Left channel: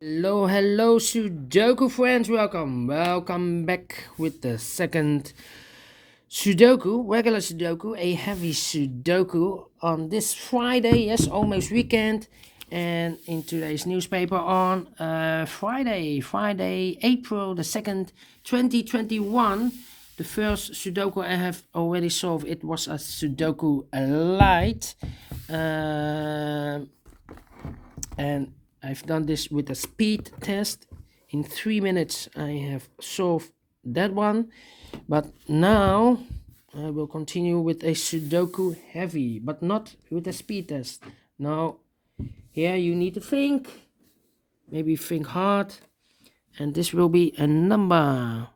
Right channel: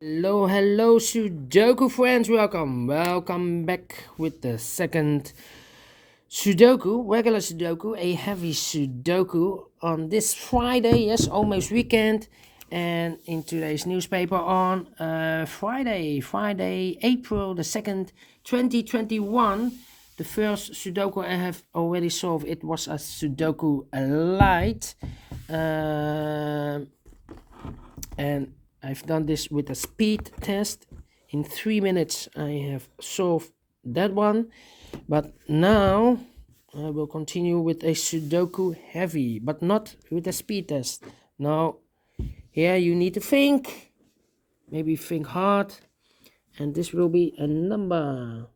Hello, Sudoku friends. Welcome back with the second Sudoku, regular Sudoku, a heavy Sudoku on this Friday. Yes, almost weekend. And in today's newspaper on Friday, April the 2nd, 2021, the first Sudoku I have already solved. It was a Sudoku Light. And I've done this with a speed test. In 3 minutes I have solved that one, but now I will continue with a Sudoku Heavy, but not with a speed test. Now here you need to think, maybe think hard, and this will be a number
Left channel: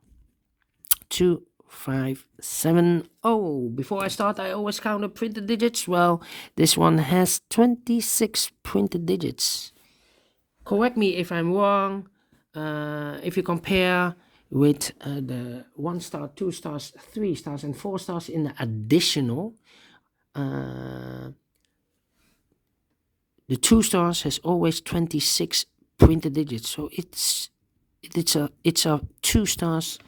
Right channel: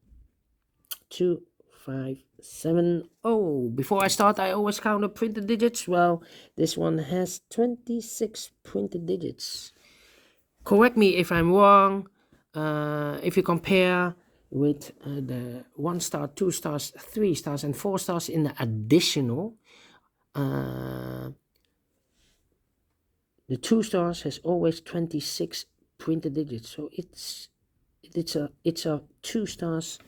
2570. Before I start, I always count the printed digits. Well, this one has 26 printed digits. Correct me if I'm wrong. If you compare with the 1 star, 2 stars, 3 stars, and 4 stars in the additional, the 2 stars has always 26 printed digits. So it's a 2 stars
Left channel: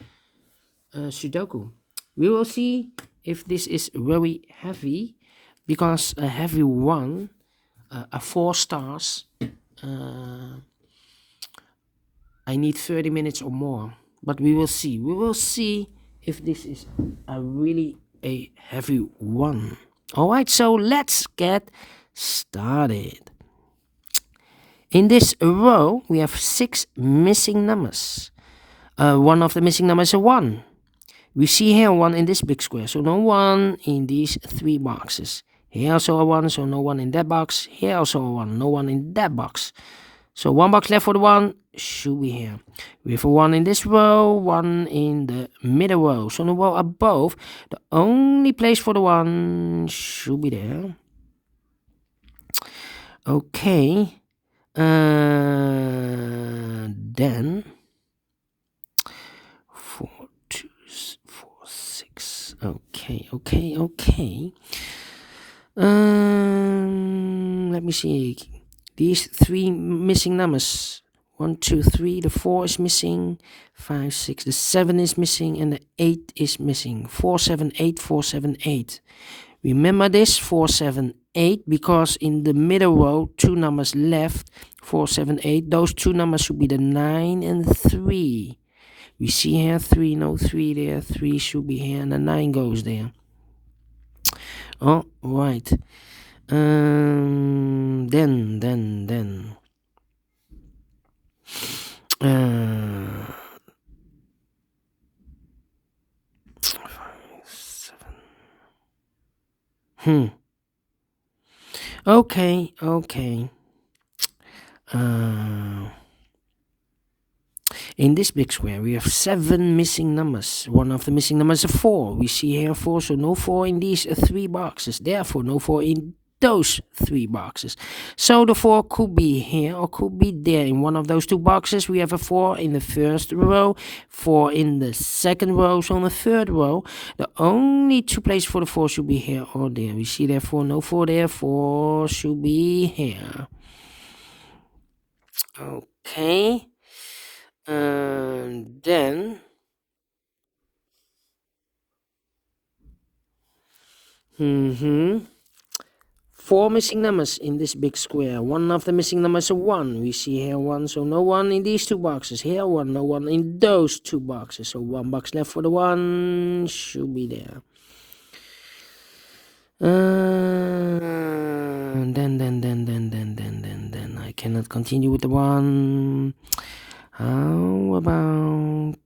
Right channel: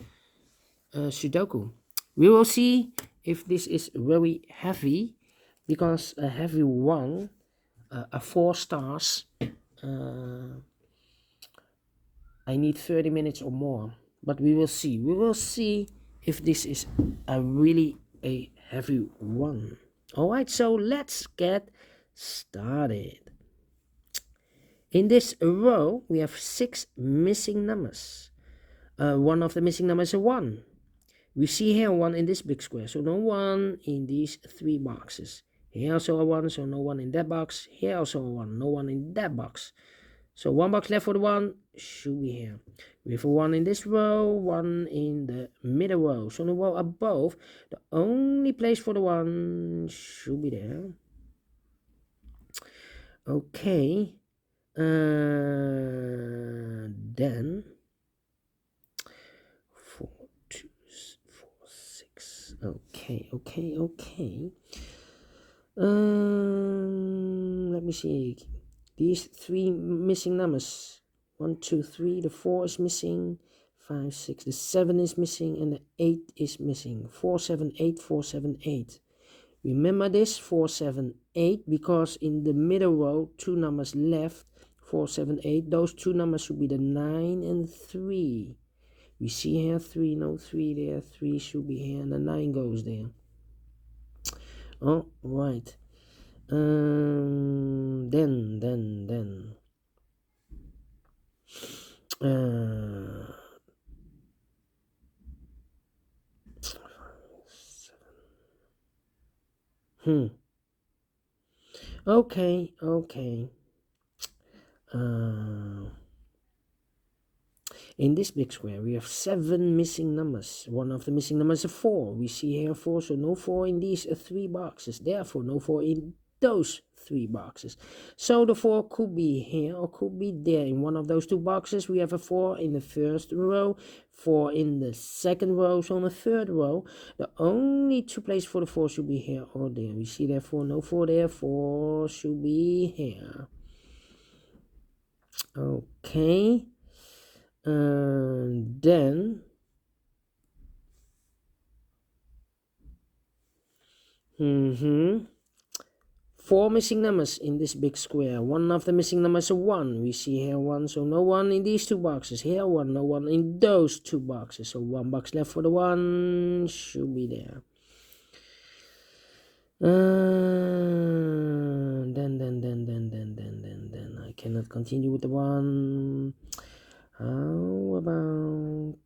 Sudoku. We will see if this is very heavy, because a heavy one, a 4 stars, I need 30 minutes or more, but we will see. We will see if this is really a heavy one. All right, so let's get started. In this row, we have 6 missing numbers. One of the missing numbers is a 1. We see here 1 in this big square, so no 1 in these 3 boxes. Here also a 1, so no 1 in that box. Here also a 1, no 1 in that box. So 1 box left for the 1 should be here. We have a 1 in this row, 1 in the middle row. So in the row above, the only place for the 1 should be there. Okay. Then 4, 2, 4, 6. Okay. Let me see. These 3 missing numbers. 1, 2, 3. The 4 is missing. 5, 6. The 7 is missing, and the 8 is missing. 4, 7, 8. 4, 7, 8. Remember this 4, 7, 8, because in the middle row, 2 numbers left. 4, 7, 8. Those 2 numbers should be the 9 and 3. We see here 3, no 3 there. 3 should be here, and the 9 goes there. All right. Then 7. Okay. In this big square, we have 7 missing numbers. One of the missing numbers is a 4. We see here 4, so no 4 in these 3 boxes. Therefore, no 4 in those 3 boxes. So the 4 could be here or could be there. In one of those 2 boxes, we have a 4 in the first row, 4 in the second row. So in the third row, the only 2 places for the 4 should be here or there. We see therefore no 4 there. 4 should be here. Okay. Then 4 missing numbers in this big square. One of the missing numbers is a 1. We see here 1, so no 1 in these 2 boxes. Here 1, no 1 in those 2 boxes. So 1 box left for the 1 should be there. Then I cannot continue with the 1. How about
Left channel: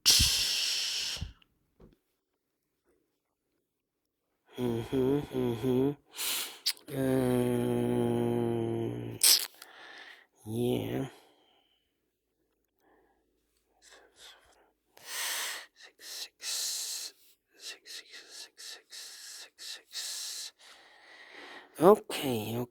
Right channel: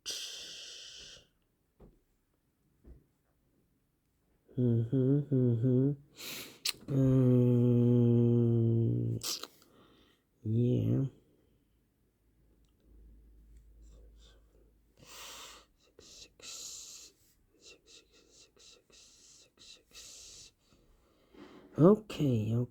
yeah. 6. Okay.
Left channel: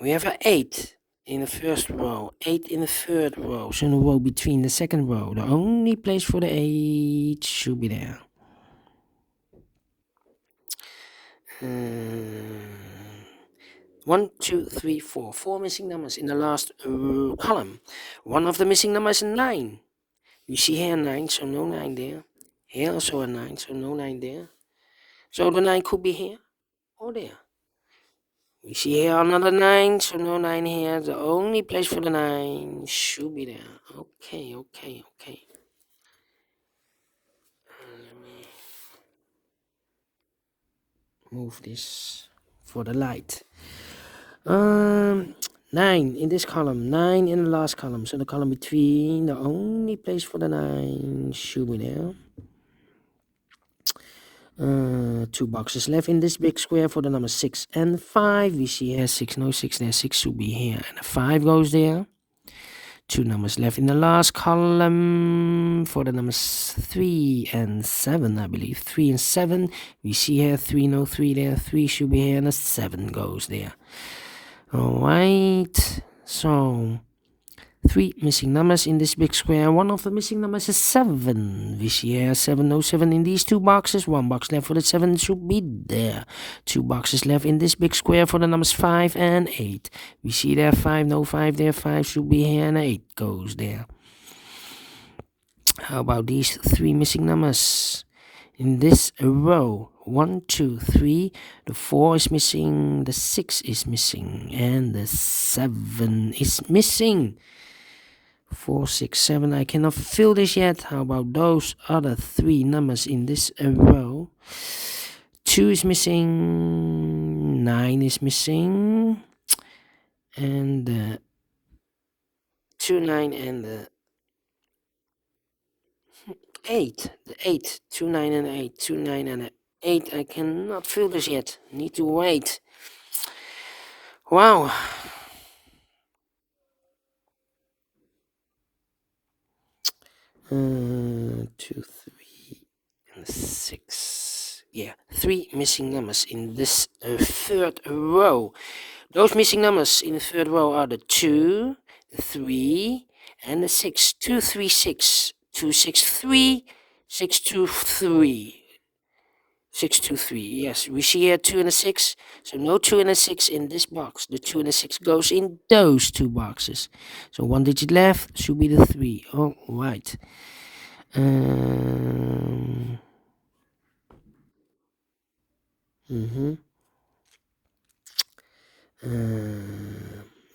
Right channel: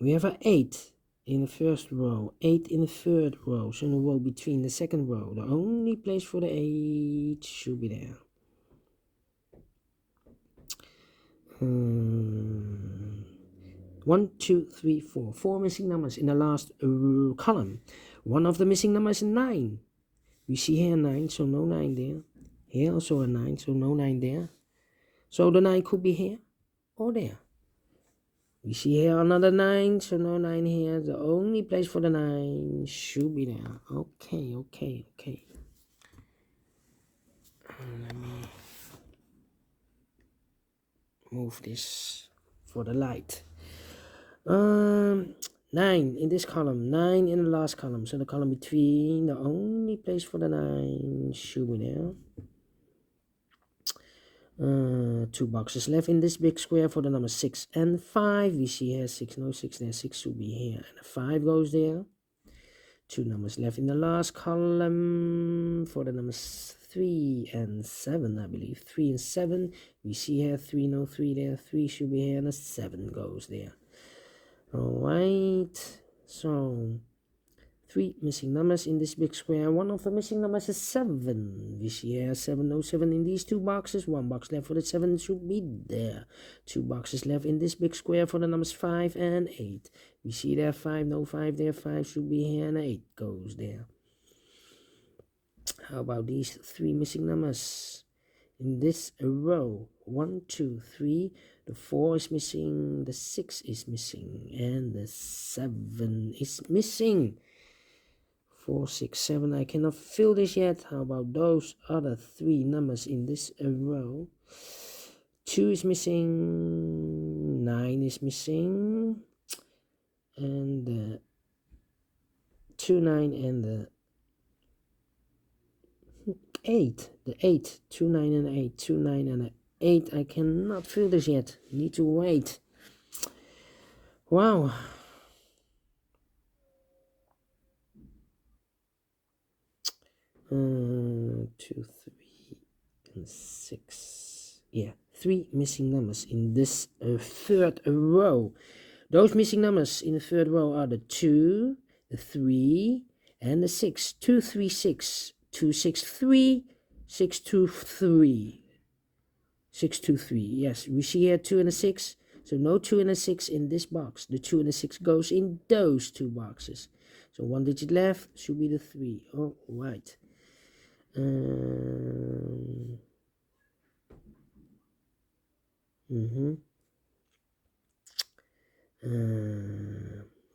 We have an 8 in the first row, 8 in the third row, so in the row between the second row. The only place for the 8 should be there. 1, 2, 3, 4. 4 missing numbers in the last column. One of the missing numbers is 9. You see here 9, so no 9 there. Here also a 9, so no 9 there. So the 9 could be here or there. We see here another 9, so no 9 here. The only place for the 9 should be there. Okay. Let me move this for the light. 9 in this column, 9 in the last column. So the column between, the only place for the 9 should be there. 2 boxes left in this big square for the numbers 6 and 5. We see here 6, no 6 there, 6 should be here, and a 5 goes there. 2 numbers left in the last column for the numbers 3 and 7, I believe. 3 and 7. We see here 3, no 3 there, 3 should be here, and a 7 goes there. Alright, so 3 missing numbers in this big square. One of the missing numbers is 7. We see here 7, no 7 in these 2 boxes. 1 box left for the 7 should be there. 2 boxes left in this big square for the numbers 5 and 8. We see there 5, no 5 there. 5 should be here and 8 goes there. How about these 3 missing numbers in this row? 1, 2, 3. The 4 is missing. The 6 is missing. And the 7 is missing. 4, 6, 7. I cannot fill this yet. How about those other 3 numbers in this row? 2 is missing. 9 is missing. And the 2, 9 and the 8. The 8. 2, 9 and 8. 2, 9 and 8. I cannot fill this yet. Need to wait. Wow. 2, 3, and 6. Yeah, 3 missing numbers in this third row. Those missing numbers in the third row are the 2, the 3, and the 6. 2, 3, 6. 2, 6, 3. 6, 2, 3. 6, 2, 3. Yes, we see here 2 and a 6. So no 2 and a 6 in this box. The 2 and a 6 goes in those 2 boxes. So 1 digit left should be the 3. All right.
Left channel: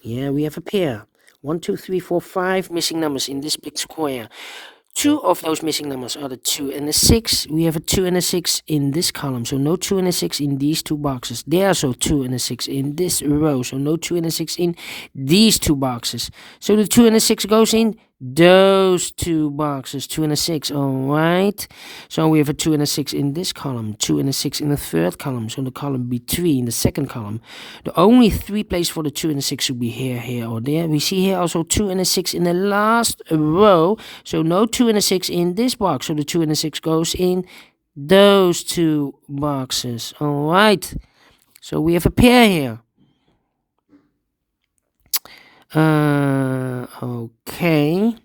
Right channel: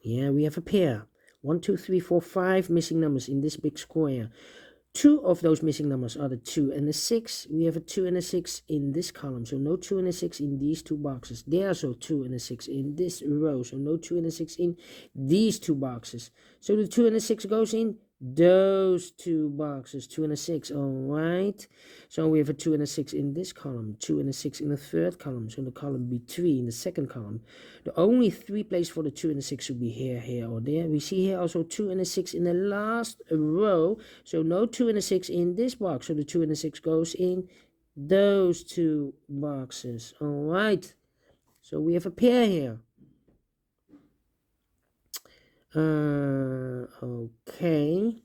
Yeah, we have a pair. 1, 2, 3, 4, 5 missing numbers in this big square. 2 of those missing numbers are the 2 and the 6. We have a 2 and a 6 in this column, so no 2 and a 6 in these 2 boxes. There are also 2 and a 6 in this row, so no 2 and a 6 in these 2 boxes. So the 2 and a 6 goes in those 2 boxes, 2 and a 6, alright. So we have a 2 and a 6 in this column, 2 and a 6 in the third column, so the column between the second column. The only 3 places for the 2 and a 6 should be here, here, or there. We see here also 2 and a 6 in the last row, so no 2 and a 6 in this box, so the 2 and a 6 goes in those 2 boxes, alright. So we have a pair here. Okay.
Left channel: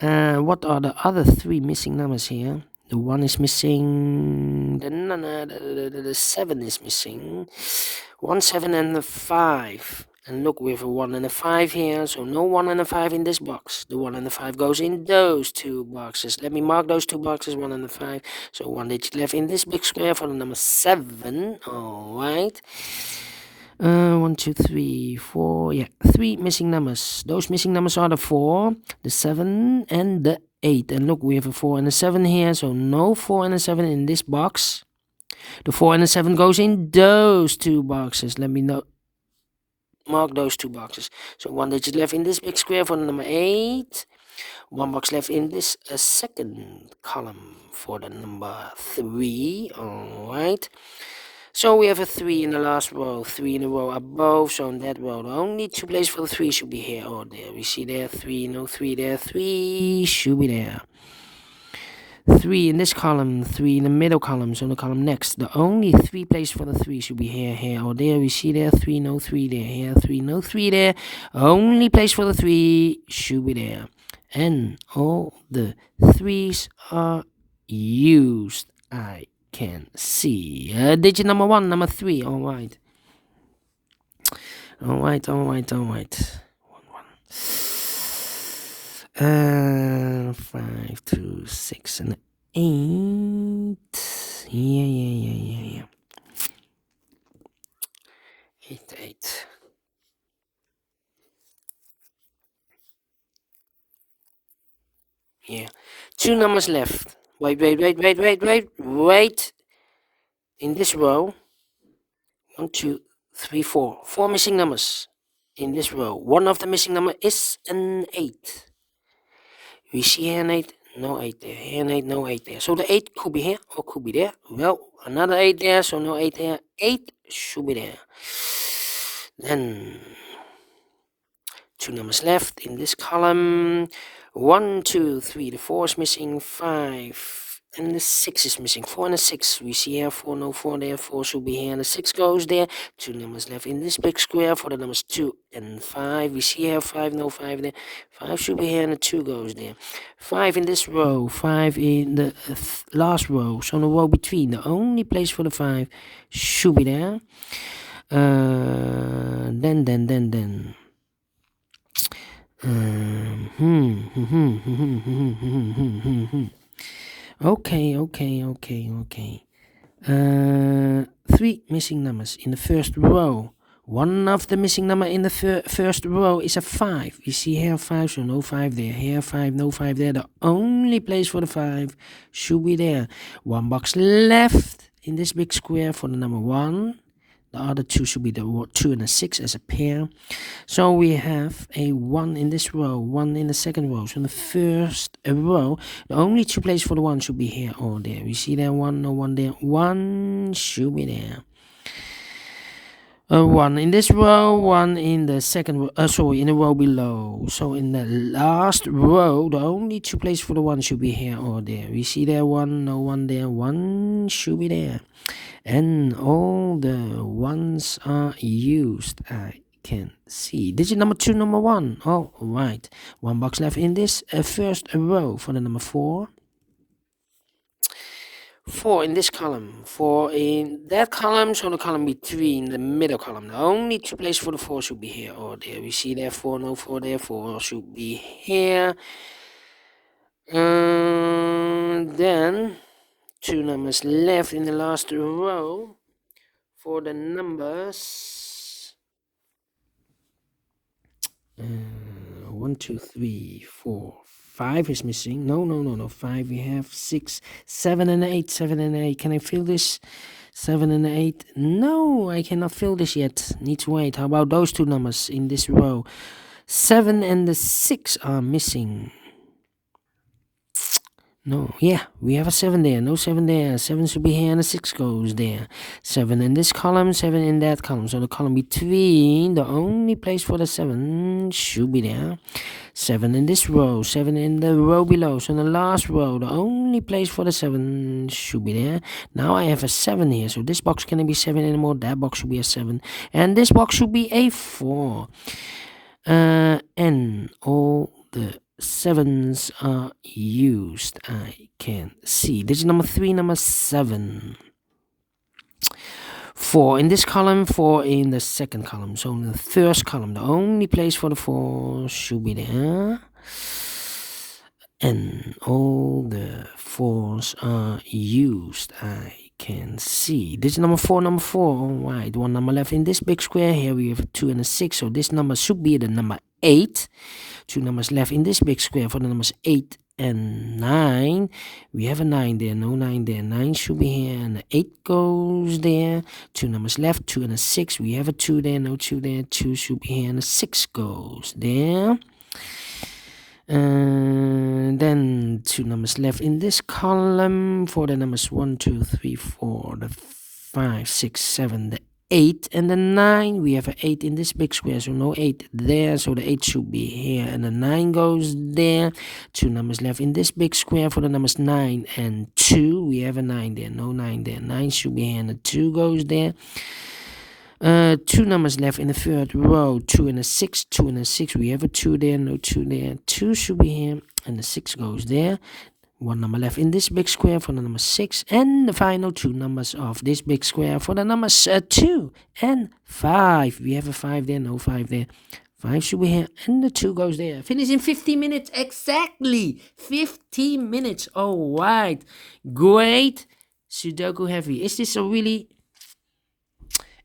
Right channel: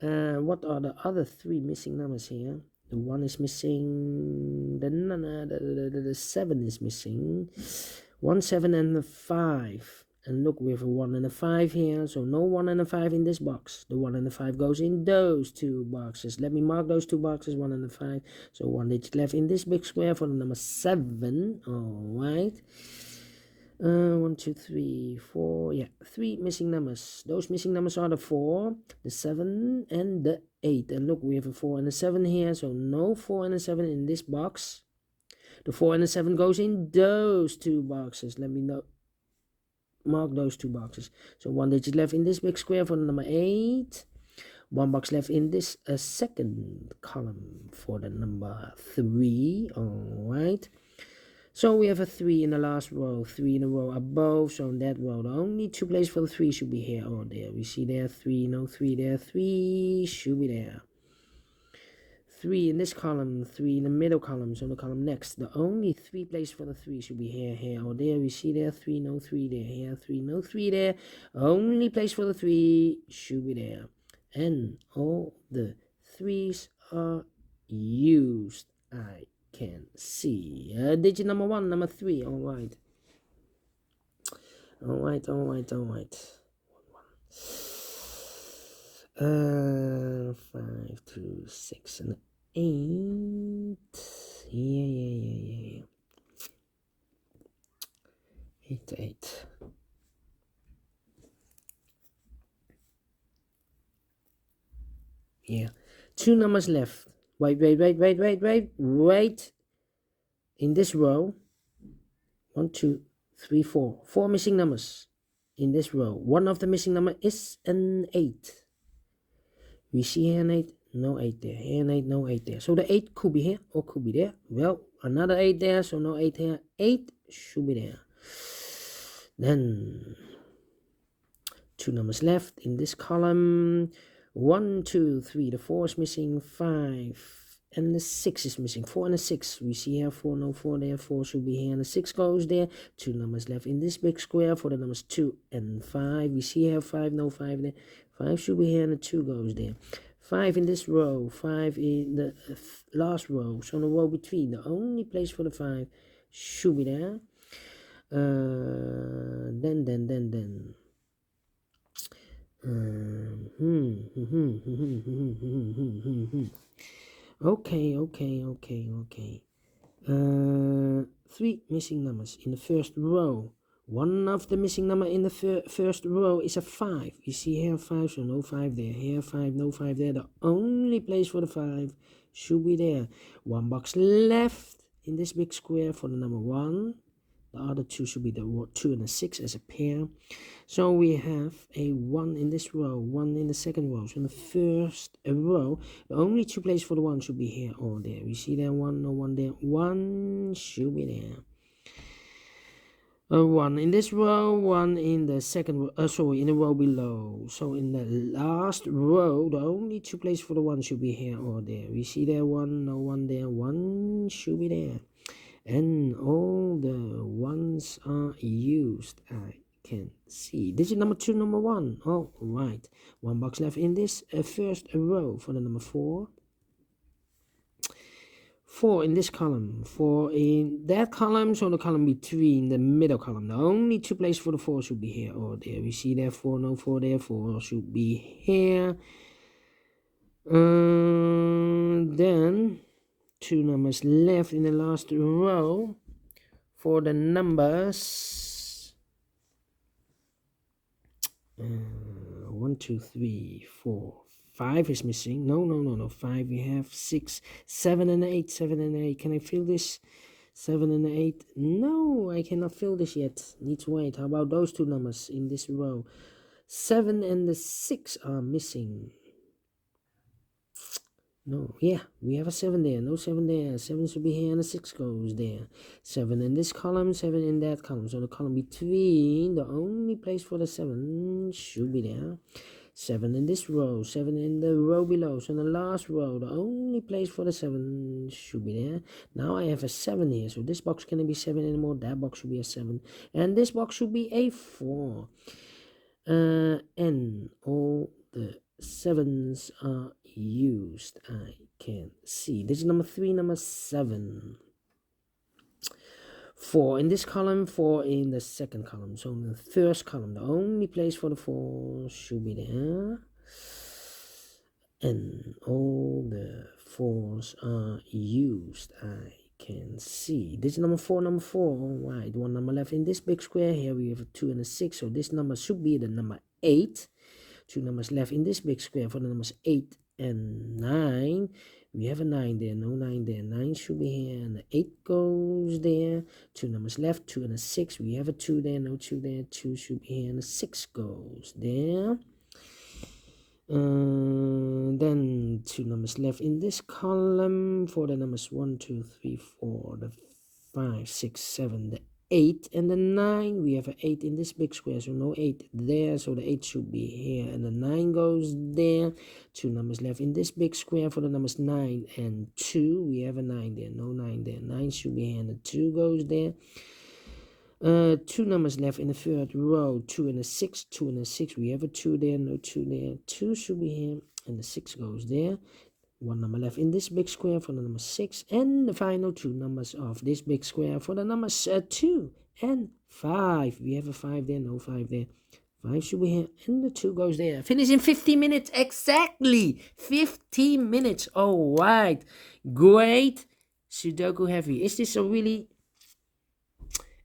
What are the other 3 missing numbers here? The 1 is missing. The 7 is missing. 1, 7, and the 5. And look, we have a 1 and a 5 here. So no 1 and a 5 in this box. The 1 and the 5 goes in those 2 boxes. Let me mark those 2 boxes, 1 and the 5. So 1 digit left in this big square for the number 7. Alright. 1, 2, 3, 4. Yeah, 3 missing numbers. Those missing numbers are the 4, the 7, and the 8. And look, we have a 4 and a 7 here, so no 4 and a 7 in this box. The 4 and the 7 goes in those 2 boxes. Let me mark those 2 boxes. So 1 digit left in this big square for the number 8. 1 box left in this second column for the number 3. Alright. So we have a 3 in the last row, 3 in a row above, so in that row, the only 2 places for the 3 should be here or there. We see there 3, no 3 there, 3 should be there. 3 in this column, 3 in the middle column, so the column next. The only 3 places for the 3 should be here, here, or there. We see there 3, no 3 there, here, 3, no 3 there. Only place for the 3 should be there. And all the 3s are used. I can see digit number 1, number 3. All right. All right. 5, 2, 6, and 8. Yeah. 8. Yeah. 2 numbers left. Wait. In this row, 1, 2, 3, 4. 4 missing numbers in this row. One of the missing number is an 8. We see here an 8, no 8 there. Here an 8, no 8 there. So the 8 could be here or could be there. Well, another 8 there, so no 8 here. 8 should be there. Then 2 numbers left in this column. 1, 2, 3. The 4 is missing. 5. And the 6 is missing. 4 and a 6. We see here 4, no 4 there. 4 should be here. And the 6 goes there. 2 numbers left in this big square for the numbers 2 and 5. We see here 5, no 5 there. 5 should be here and the 2 goes there. 5 in this row. 5 in the last row. So the row between. The only place for the 5 should be there. Then. Okay. 3 missing numbers in the first row. One of the missing number in the first row is a 5. You see here 5, so no 5 there. Here 5, no 5 there. The only place for the 5 should be there. One box left in this big square for the number 1. The other 2 should be the 2 and a 6 as a pair. So we have a 1 in this row, 1 in the second row. So in the first row, the only 2 places for the 1 should be here or there. We see there 1, no 1 there. 1 should be there. 1 in this row, 1 in the second row, in the row below. So in the last row, the only 2 places for the 1 should be here or there. We see there 1, no 1 there. 1 should be there. And all the ones are used. I can see. Digit number 2, number 1. All right. 1 box left in this first row for the number 4. 4 in this column. 4 in that column. So the column between the middle column. The only 2 places for the 4 should be here or there. We see there 4, no 4 there. 4 should be here. Then 2 numbers left in the last row for the numbers 1, 2, 3, 4, 5 is missing. No. 5. We have 6, 7, and 8. 7 and 8. Can I fill this? 7 and 8. No, I cannot fill this yet. Need to wait. How about those 2 numbers in this row? 7 and the 6 are missing. No, yeah, we have a 7 there. No 7 there. 7 should be here and a 6 goes there. 7 in this column, 7 in that column. So the column between, the only place for the 7 should be there. 7 in this row, 7 in the row below. So in the last row, the only place for the 7 should be there. Now I have a 7 here. So this box cannot be 7 anymore. That box should be a 7. And this box should be a 4. And all the 7s are used. I can see. Digit number 3, number 7. 4 in this column, 4 in the second column. So in the first column, the only place for the 4 should be there. And all the 4s are used. I can see. Digit number 4, number 4. All right, 1 number left in this big square. Here we have a 2 and a 6. So this number should be the number 8. 2 numbers left in this big square for the numbers 8 and 9. We have a 9 there, no 9 there. 9 should be here, and the 8 goes there. 2 numbers left, 2 and a 6. We have a 2 there, no 2 there. 2 should be here, and the 6 goes there. Then 2 numbers left in this column for the numbers 1, 2, 3, 4, the 5, 6, 7, the 8 and the 9. We have an 8 in this big square, so no 8 there, so the 8 should be here and the 9 goes there. 2 numbers left in this big square for the numbers 9 and 2. We have a 9 there, no 9 there. 9 should be here and the 2 goes there. 2 numbers left in the third row, 2 and a 6, 2 and a 6. We have a 2 there, no 2 there. 2 should be here and the 6 goes there. one number left in this big square for the number 6, and the final 2 numbers of this big square for the numbers 2 and 5. We have a 5 there, no 5 there. 5 should be here, and the 2 goes there. Finish in 15 minutes, exactly 15 minutes. All right, great. Sudoku Heavy. Is this a really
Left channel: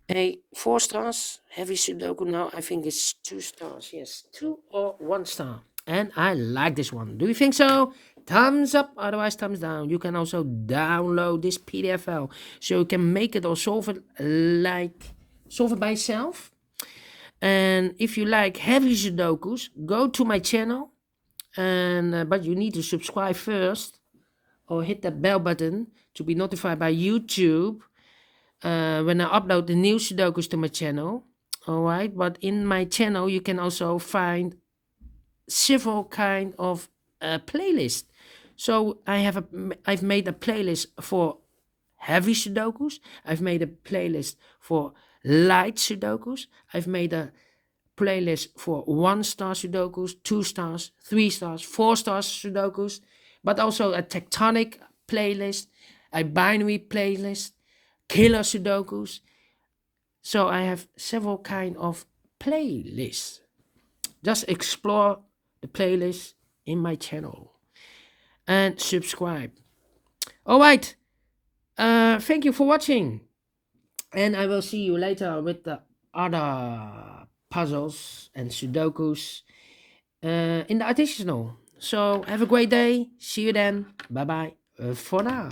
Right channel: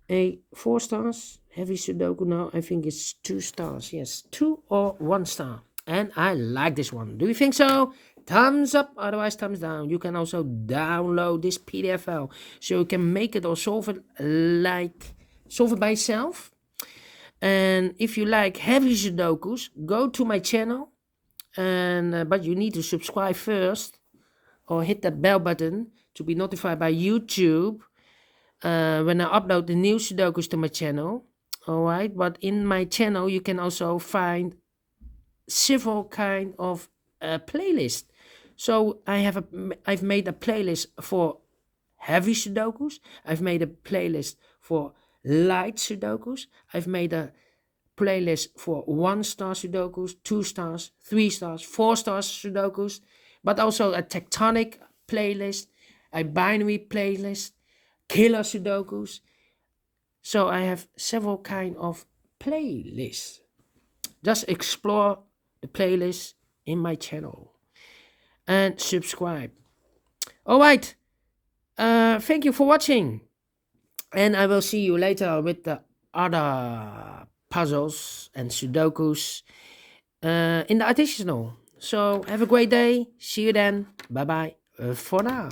a 4 stars? Heavy Sudoku now, I think it's 2 stars. Yes, 2 or 1 star. And I like this one. Do you think so? Thumbs up, otherwise thumbs down. You can also download this PDF file so you can make it or solve it by yourself. And if you like heavy Sudokus, go to my channel. And but you need to subscribe first or hit that bell button to be notified by YouTube when I upload the new Sudokus to my channel. Alright, but in my channel you can also find several kind of playlists. So I've made a playlist for heavy Sudokus. I've made a playlist for light Sudokus. I've made a playlist for 1 star Sudokus, 2 stars, 3 stars, 4 stars Sudokus, but also a tectonic playlist, a binary playlist, killer Sudokus. So I have several kind of playlists. Just explore the playlist in my channel and subscribe. All right. Thank you for watching, and I will see you later with the other puzzles and Sudokus in the additional. So have a great day. See you then. Bye bye for now.